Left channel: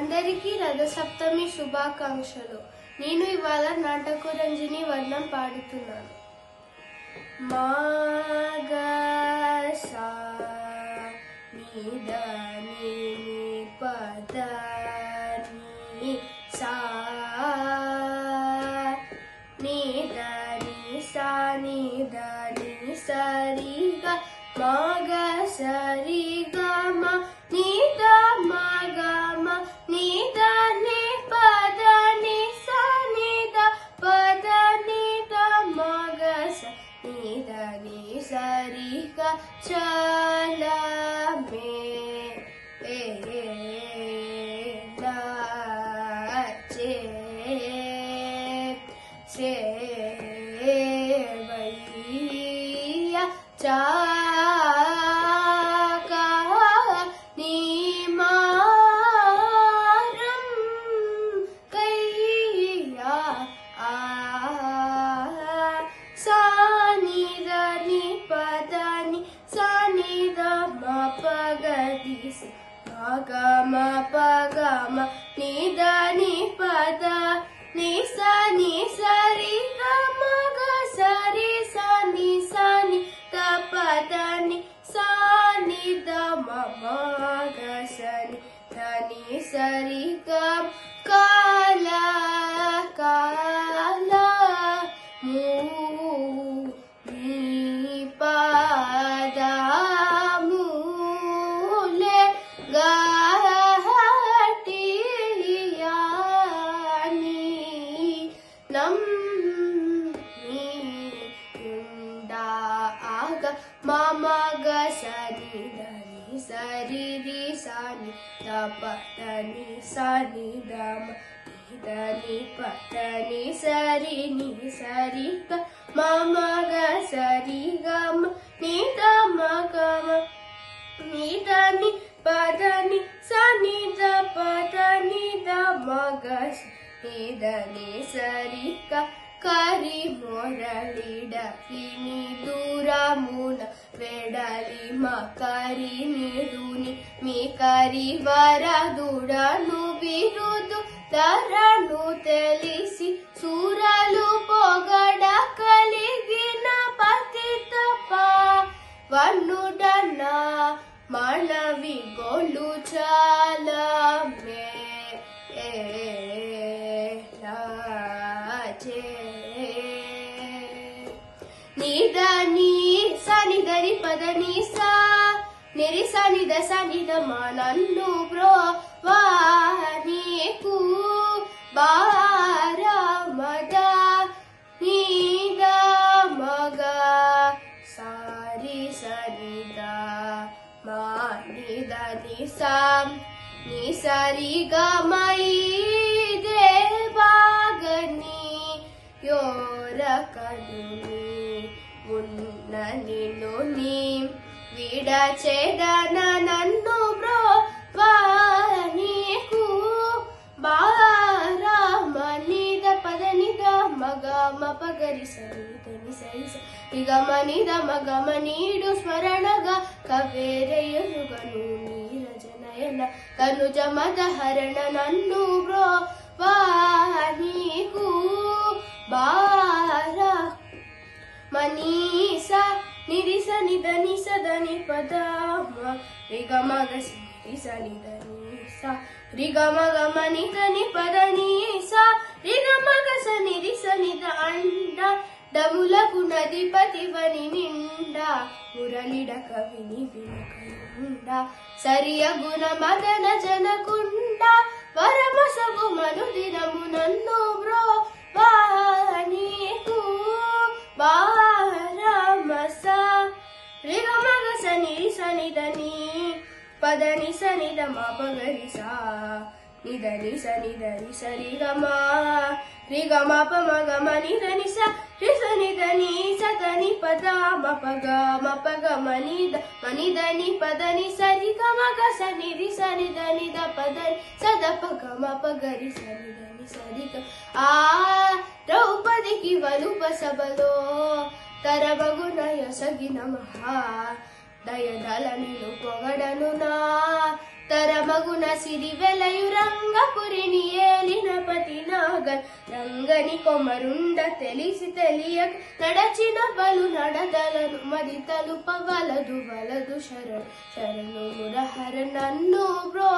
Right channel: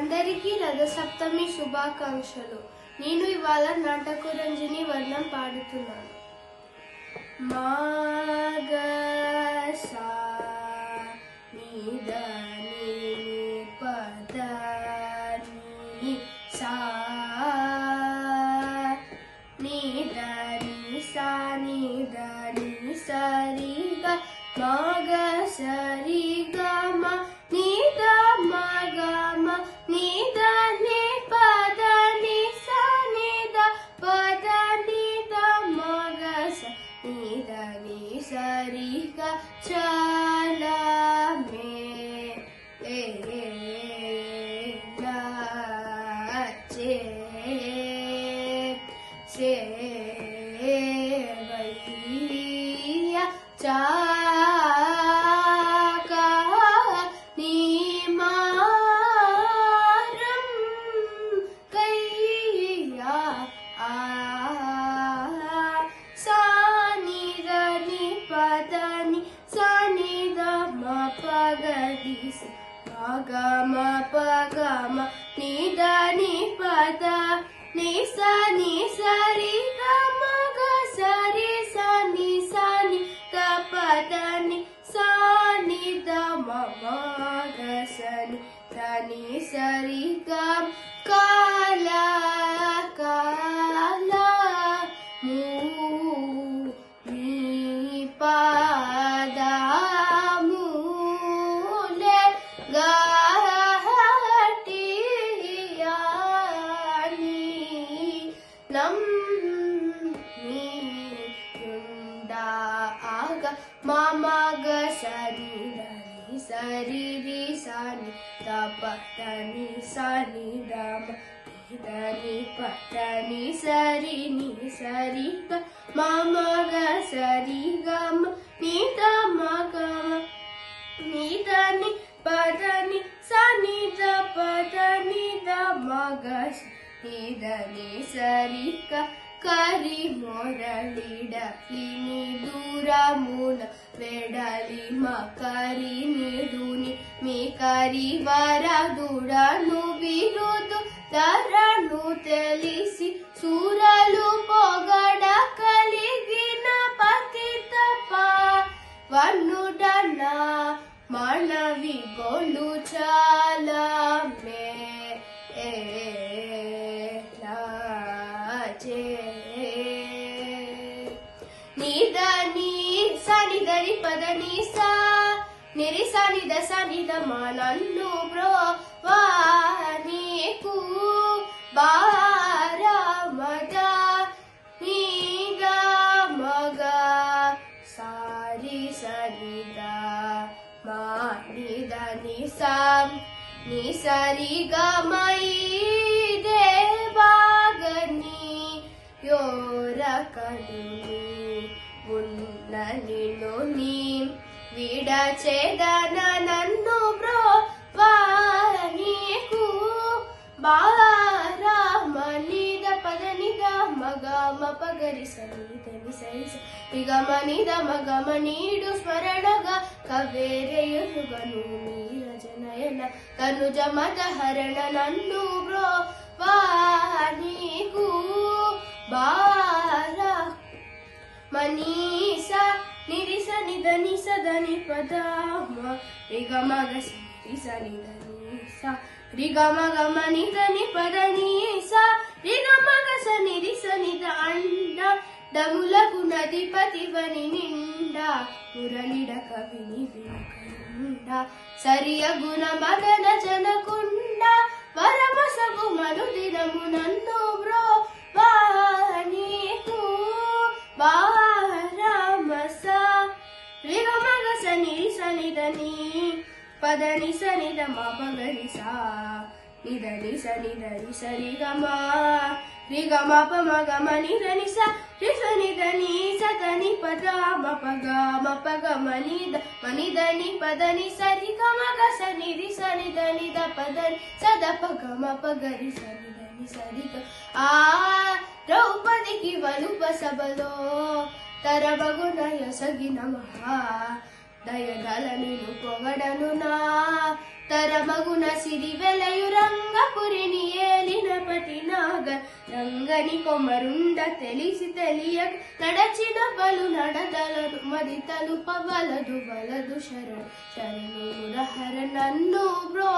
అందరికీ రథసప్తమి శుభాకాంక్షలు. నేను ఇవాళ నాటకరంజని వర్ణం పాడుతున్నాను. మాగసా నిదని పదని సా నిదని సా నిదని సరిగా మగ సరిగా మ నిద మగ మ నిద ని పద ని సా నిద పద నిద మగ స నిద ని సరిగా చల మే నాచే సేవయ్యా చాకా నీమారం కయ్యా సానిదని పదని సానిద మ పగది మగమ పగమ నిదని పద ని సని సరి మగ సరి సని సని ద పదని సాని ద మగ సని దని సరి గ కాల కాల ము ని పద మూలే గటియాని నం ని యుండా ఆగ మమగ సరి దని సరి రి సని ద పదని సని దమ దని పదని సరి ని సరి గ మమగ సరి గమ ని ద మగమ ని దని పదని సని ద పదని ద మగ ని దని సరి క కరి మొరళిడ కిని దూరమున వెడలి మకరి నిడుని మీ కరి వరదుడను బిరుదు ధరను తెలిసి సూరలు పొగడ కలిగిన పతిత వన్నుడన మనవి గొలు చాలా మే నిదని సని దని పదని సా నిరి సని ద సని ద మ నన్ను బ్రో వానికు బారమద నిద మగ సారి సని ద మా నిద ని సా ని సరి గ మై దేవాగని యోరకని ఉన్న నిన్ను నీ విడచెదన నన్ను బ్రో వానికు బారమనిద పదనిద మగమ పగరి సనిదని సరి నిగమ నిద మగమ నీడు స్మరణగా కవేరెయుగను నీరజనయన తనుజ మద హరణ నన్ను బ్రో వానికు బార మనీసా నిరిస నిదని సదని పద రిగ మగ నిరిస నిదని సా రిగ మగ మనిదని పదని సా రిగ మగ స నిరిస నిద అండ దములకు నదిపతి వని నిండా మురళిడ కవిని వినకయుండ సరియ గుణ మదన జనకుండ పరమసగు మను దినము నన్ను బ్రో వానికు బారమస రిగ మగ సని సని దని పదని సని ద మ పగరి సా నిదని సని దని సరి గ మ రిగ మ ప మగ మ నిదని స రి సని దని సదని పద మ పగ మనిద మనిదని పదని సరి గ మగ సని రి సని దని ద పదని సద పగ మ పగరి సని దని సరి గ ఆ ద్రౌపదికి వలుప సభలో తరబగునయ సగిన మహా దయదల నిను పొగడను నా తరమగున సిరి వెలయు రంగపురిని ఏలిన పటినాగర్ రంగని కొమరుండ తెలిసి తెలియక నడచిన బలు నడదలను మది తలుప వలదు వలదు శరణు మురహర నన్ను బ్రో